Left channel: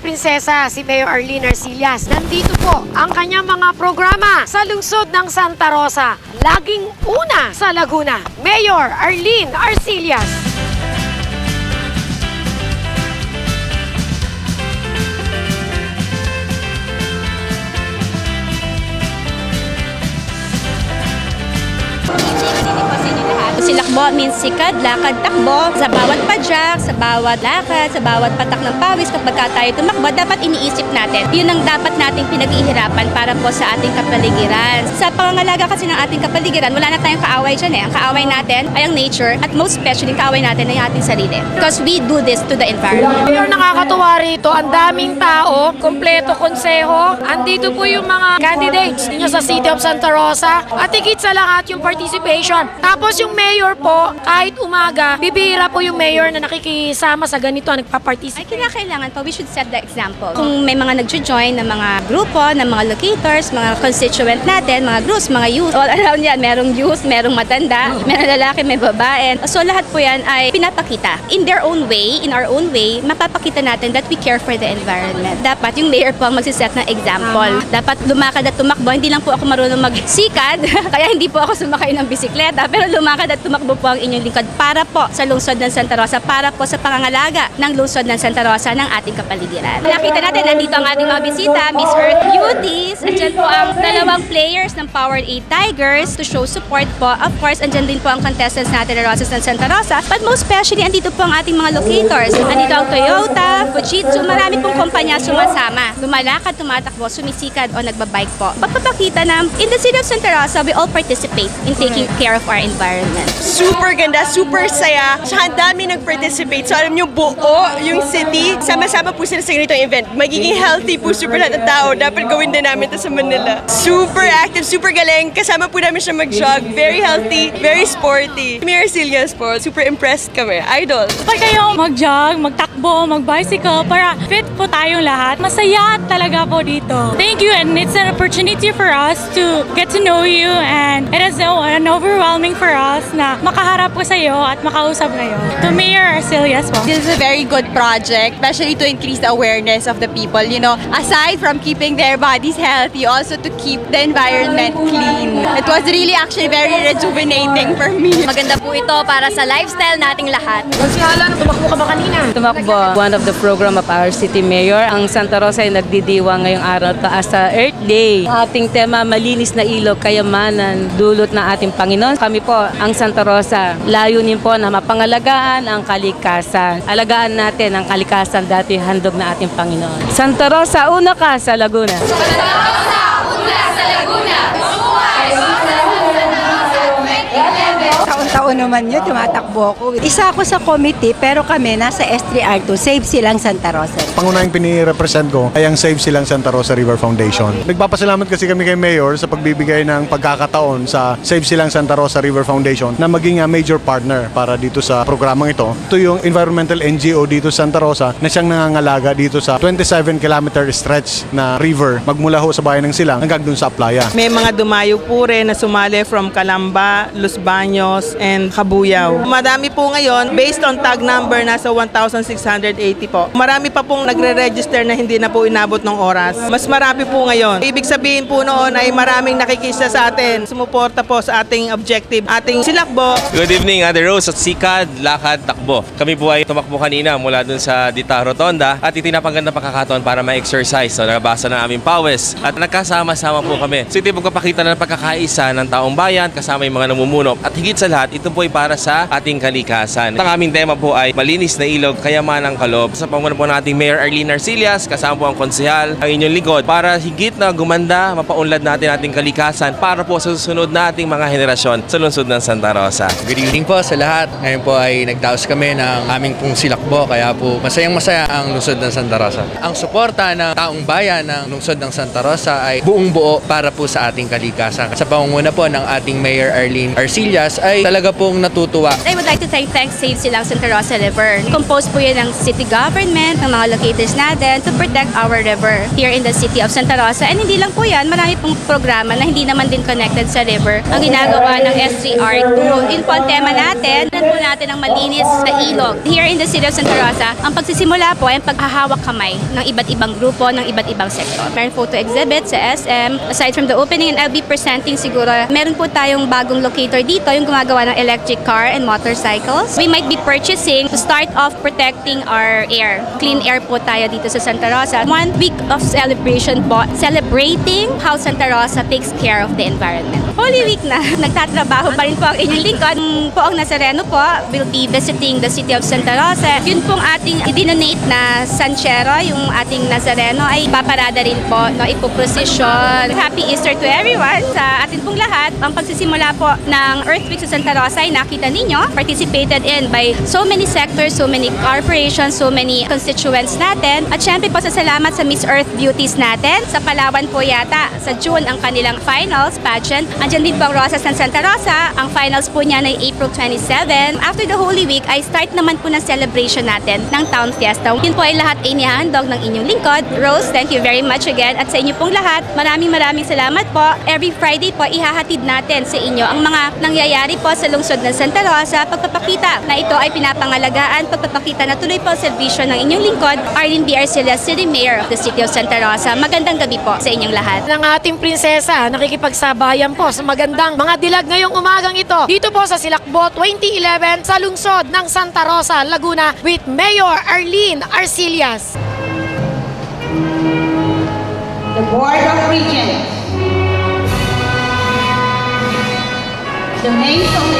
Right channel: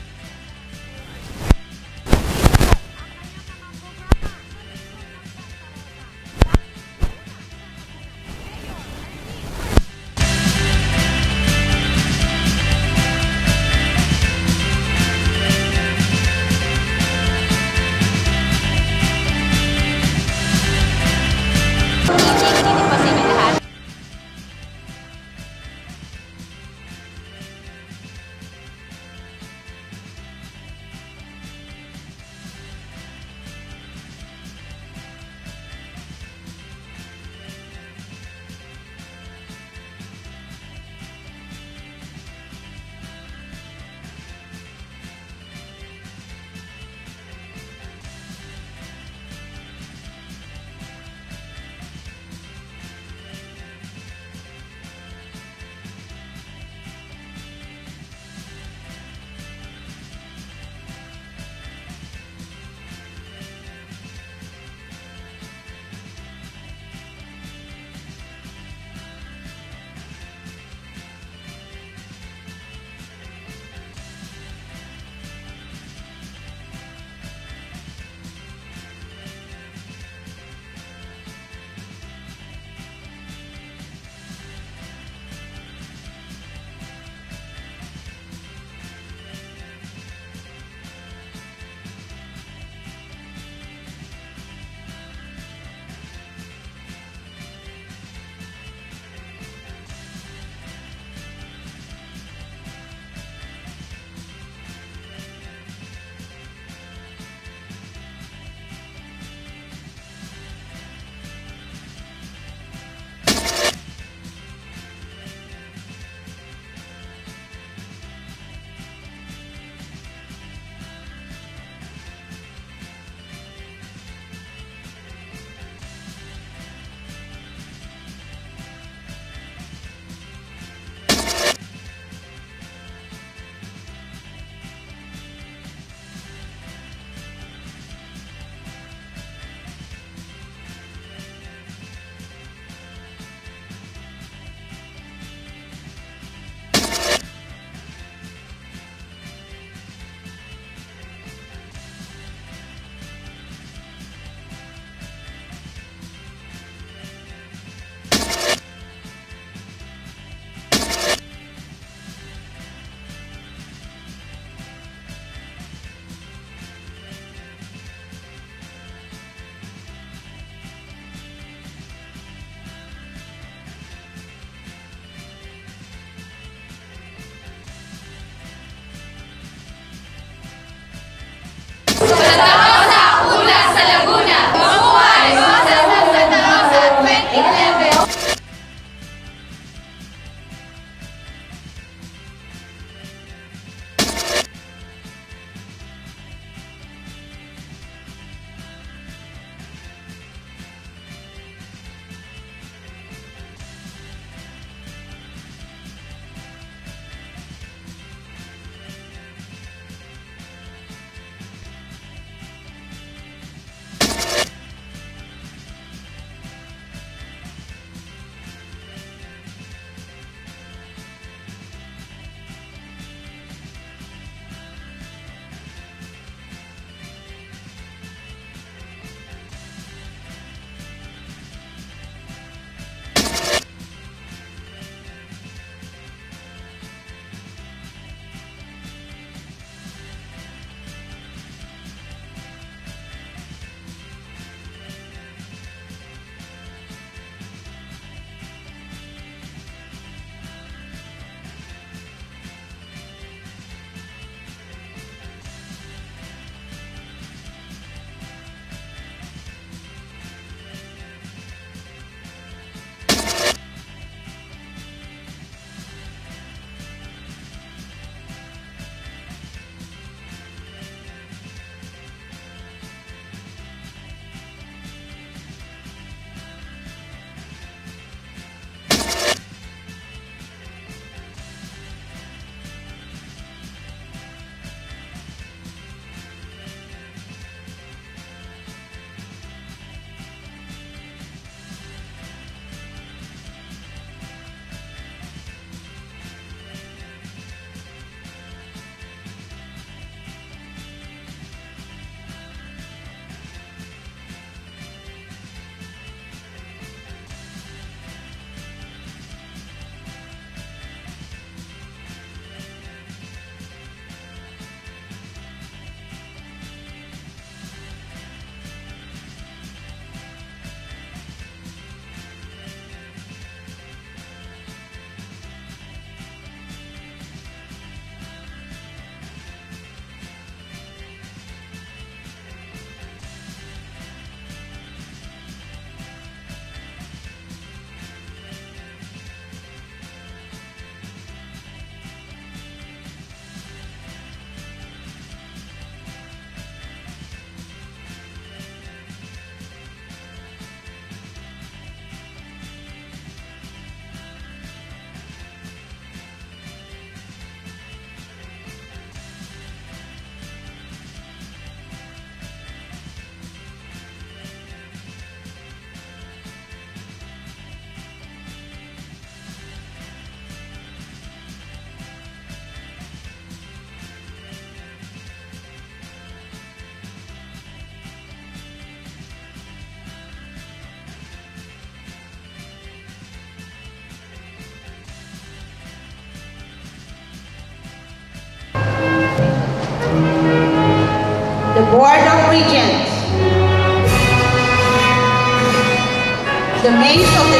prinsesa si Mayor Arlene Arcillas. Nandito po ang kanyang mga programa sa lungsod ng Santa Rosa. Laging una sa Laguna, Mayor Arlene Arcillas. Silakbo means sikad, lakad, takbo. Sa bawat padyak, sa bawat lakad, sa bawat patak ng pawis, kapag tayo tumakbo, dapat iniisip natin. Yun ang dapat nating pinag-ihirapan para po sa ating kapaligiran. Sa pangangalaga kasi ng ating kapaligiran, wala na tayong kaaway dyan eh. Ang kaaway natin ay ang nature at most especially kaaway natin ay ating sarili. Because we do this to the environment. Mayor, nakakatuwa rito. Ang daming tao, kompleto konseho. Andito po yung mga candidates ninyo sa City of Santa Rosa. At higit sa lahat yung participation. Tapos yung mayor po, kahit umaga, bibihira po yung mayor na nakikisama sa ganito, nagpa-participate. Ay, kailangan po, we should set the example. Kung may mga nag-join ng mga grupo, ng mga locators, mga constituent natin, mga groups, mga youth, all around yan, merong youth, merong matanda, merong lalaki, may babae. So lahat po yan ay pinapakita. In their own way, in our own way, mapapakita natin that we care for the environment. Dapat yung mayor po ang magsiset ng example. Dapat lumakad at tumakbo. Hindi lang po ako marunong magsikad, kaya hindi po ako sumakay ng bisikleta, pero lumakad at tumakbo po ang inyong lingkod para po sa lungsod ng Santa Rosa, para po sa pangangalaga ng lungsod ng Santa Rosa ng ating kapaligiran. Nakita natin, nandito ang ating mga bisita, Miss Earth Beauties. Andyan po ang dalawang players ng Powered 8 Tigers to show support po. Of course, andyan din po ang contestants natin ng Rosas ng Santa Rosa. But most especially, andito po ang ating mga locators. Andito ang Toyota, Fujitsu, marami pong kumpanya sumasama. Lumalakad, tumatakbo, sumisikad o nagbabike po. Pagpapakita na in the city of Santa Rosa, we all participate in taking care of our environment. Super ganda, super saya. Tsaka ang dami nag-participate. So alam nyo, buo yung city. Sama-sama po sila sa ganitong event. Magiging healthy po super lahat ng tao. Dapat gawin din namin ito sa Manila. Super active, super galing. Kasama po namin siya mag-jog. Very healthy, very sporty. Mayor Arcillas po, super impressed kami. Idol. Pag kayo mag-jog, magtakbo, mag-bicycle, para fit po tayong lahat. Masaya talaga po dito. Thank you, and it's an opportunity for us to get to know you, and it is an overwhelming for us na makaharap ko sa iyo at makausap kayo. To Mayor Arcillas po. This is a very good project, especially to increase the awareness of the people. You know, aside from keeping their bodies healthy, also to keep the environment clean. It was really actually very rejuvenating for me. Maganda po ito para sa lifestyle nating lahat. Tumakbo ka ba kanina? Tumakbo. One of the program of our city mayor. Ang Santa Rosa ay nagdidiwang ngayong araw taas sa Earth Day. Ang ating tema, malinis na ilog, kayamanan, dulot ng ating Panginoon. Kami po, ang Santa Rosa, layunin po na mapangalagaan ang kalikasan. Alagaan natin ang kalikasan dati handog na ating Panginoon. Santa Rosa, una ka sa Laguna. Santa Rosa, una sa Laguna. Mabuhay! Santa Rosa 2011. Taon-taon naman yun, tumatakbo ako. Isa ako sa committee, pero kami nasa S3R2, Save Silang Santa Rosa. Pangunahing pinirepresent ko ay ang Save Silang Santa Rosa River Foundation. Nagpapasalamat kasi kami kay Mayor sa pagbibigay ng pagkakataon sa Save Silang Santa Rosa River Foundation na maging major partner para dito sa programang ito. Ito yung environmental NGO dito sa Santa Rosa na siyang nangangalaga dito sa 27-kilometer stretch na river magmula ho sa bayan ng Silang hanggang dun sa Playa. May mga dumayo po rin na sumali from Calamba, Los Baños, and Cabuyao. Madami po ngayon, based on tag number, nasa 1,680 po. Marami pa pong nagre-register na hindi na po inabot ng oras. Mas marami po ngayon. Ibig sabihin po noon ay maraming nakikisa sa atin. Sumuporta po sa ating objective, ating silakbo. Good evening, Ate Rose at Sikad, Lakad, Takbo. Kami po ay tumakbo kanina mula dun sa Dita Rotonda at itinapaganda pagkakataon para ma-exercise. So, nabasa na aming pawis at nagkasama-sama po kami. So, ito yung pagpapakita ng pagkakaisa ng taong bayan kasama yung mga namumuno. At higit sa lahat, ito po ay para sa ating kalikasan. Ang aming tema po ay malinis na ilog, kayamanang kaloob. Sa pangunan po nating Mayor Arlene Arcillas, kasama po ang konsehal, ang inyong lingkod, para higit na gumanda, mapaunlad natin ating kalikasan para po sa susunod nating mga henerasyon sa lungsod ng Santa Rosa. Good evening po sa lahat. Ngayon po ay nagdaos kami ng aming pong silakbo, kaya po masayang-masaya ang lungsod ng Santa Rosa. Ang suporta ng taong bayan ng lungsod ng Santa Rosa ay buong buo para po sa ating kalikasan. Sa pangunguna po ng ating Mayor Arlene Arcillas ay talaga pong pong natutuwa. I would like to thank Save Silang Santa Rosa River. Composed po yan ng city government, ng mga locators natin to protect our river here in the city of Santa Rosa. And hindi lang po yan, marami pong programa na hindi naman din connected sa river. Ang ginagawa ng S3R2. Yun po ang tema natin. Nan po natin ang malinis na ilog. Here in the city of Santa Rosa, ang pagsisimula po ay ang paghahawak kamay ng iba't ibang grupo, ng iba't ibang sektor. Meron photo exhibit sa SM. Aside from the opening, and I'll be presenting siguro, meron po tayong bagong locator dito, yung gumagawa ng electric car and motorcycles. We might be purchasing to start off protecting our air. Clean air po tayo dito sa Santa Rosa. 1 week of celebration po, celebrating how Santa Rosa takes care of the environment. Holy Week na, nagtatrabaho pa rin po ang inyong lingkod. Po ang Nazareno po will be visiting the city of Santa Rosa. Yun pong ating idinonate na Sanchero, yung ating Nazareno ay paparada rin po, no, ipoprosesyon. Happy Easter to everyone sa atin pong lahat. Ang pagsisimula po ng Earth Week sa Santa Rosa ay nakita ninyo, participated in by so many sectors, so many corporations, so many constituents natin. At syempre po sa salamat sa Miss Earth Beauties natin. Sa Palawan po yata, sa June ang kanilang finals pageant. Andiyan din po ang Rosas ng Santa Rosa. Ang finals po niya ay April 27. After the Holy Week ay start naman po ng celebration natin ng Town Fiesta. Yun po ay lahat ay inihahandog ng inyong lingkod. Rose, thank you very much again. At sa inyo pong lahat, maraming salamat po. Every Friday po ihahatid natin sa inyo ang mga nangyayari po sa lungsod ng Santa Rosa. Pagpapakita na ito ay pinapangalagaan, pagpapakita na tuloy po ang serbisyo ng inyong lingkod, Arlene B. Arcilla, City Mayor of the City of Santa Rosa. Magandang gabi po sa inyong lahat. Ng ating prinsesa, nakikipagsabayan po sa magandang mga dilag ngayong umagang ito. Dito po sa Silakbo 2011 sa lungsod ng Santa Rosa, Laguna with Mayor Arlene Arcillas. The Board of Regents, the Mayors of the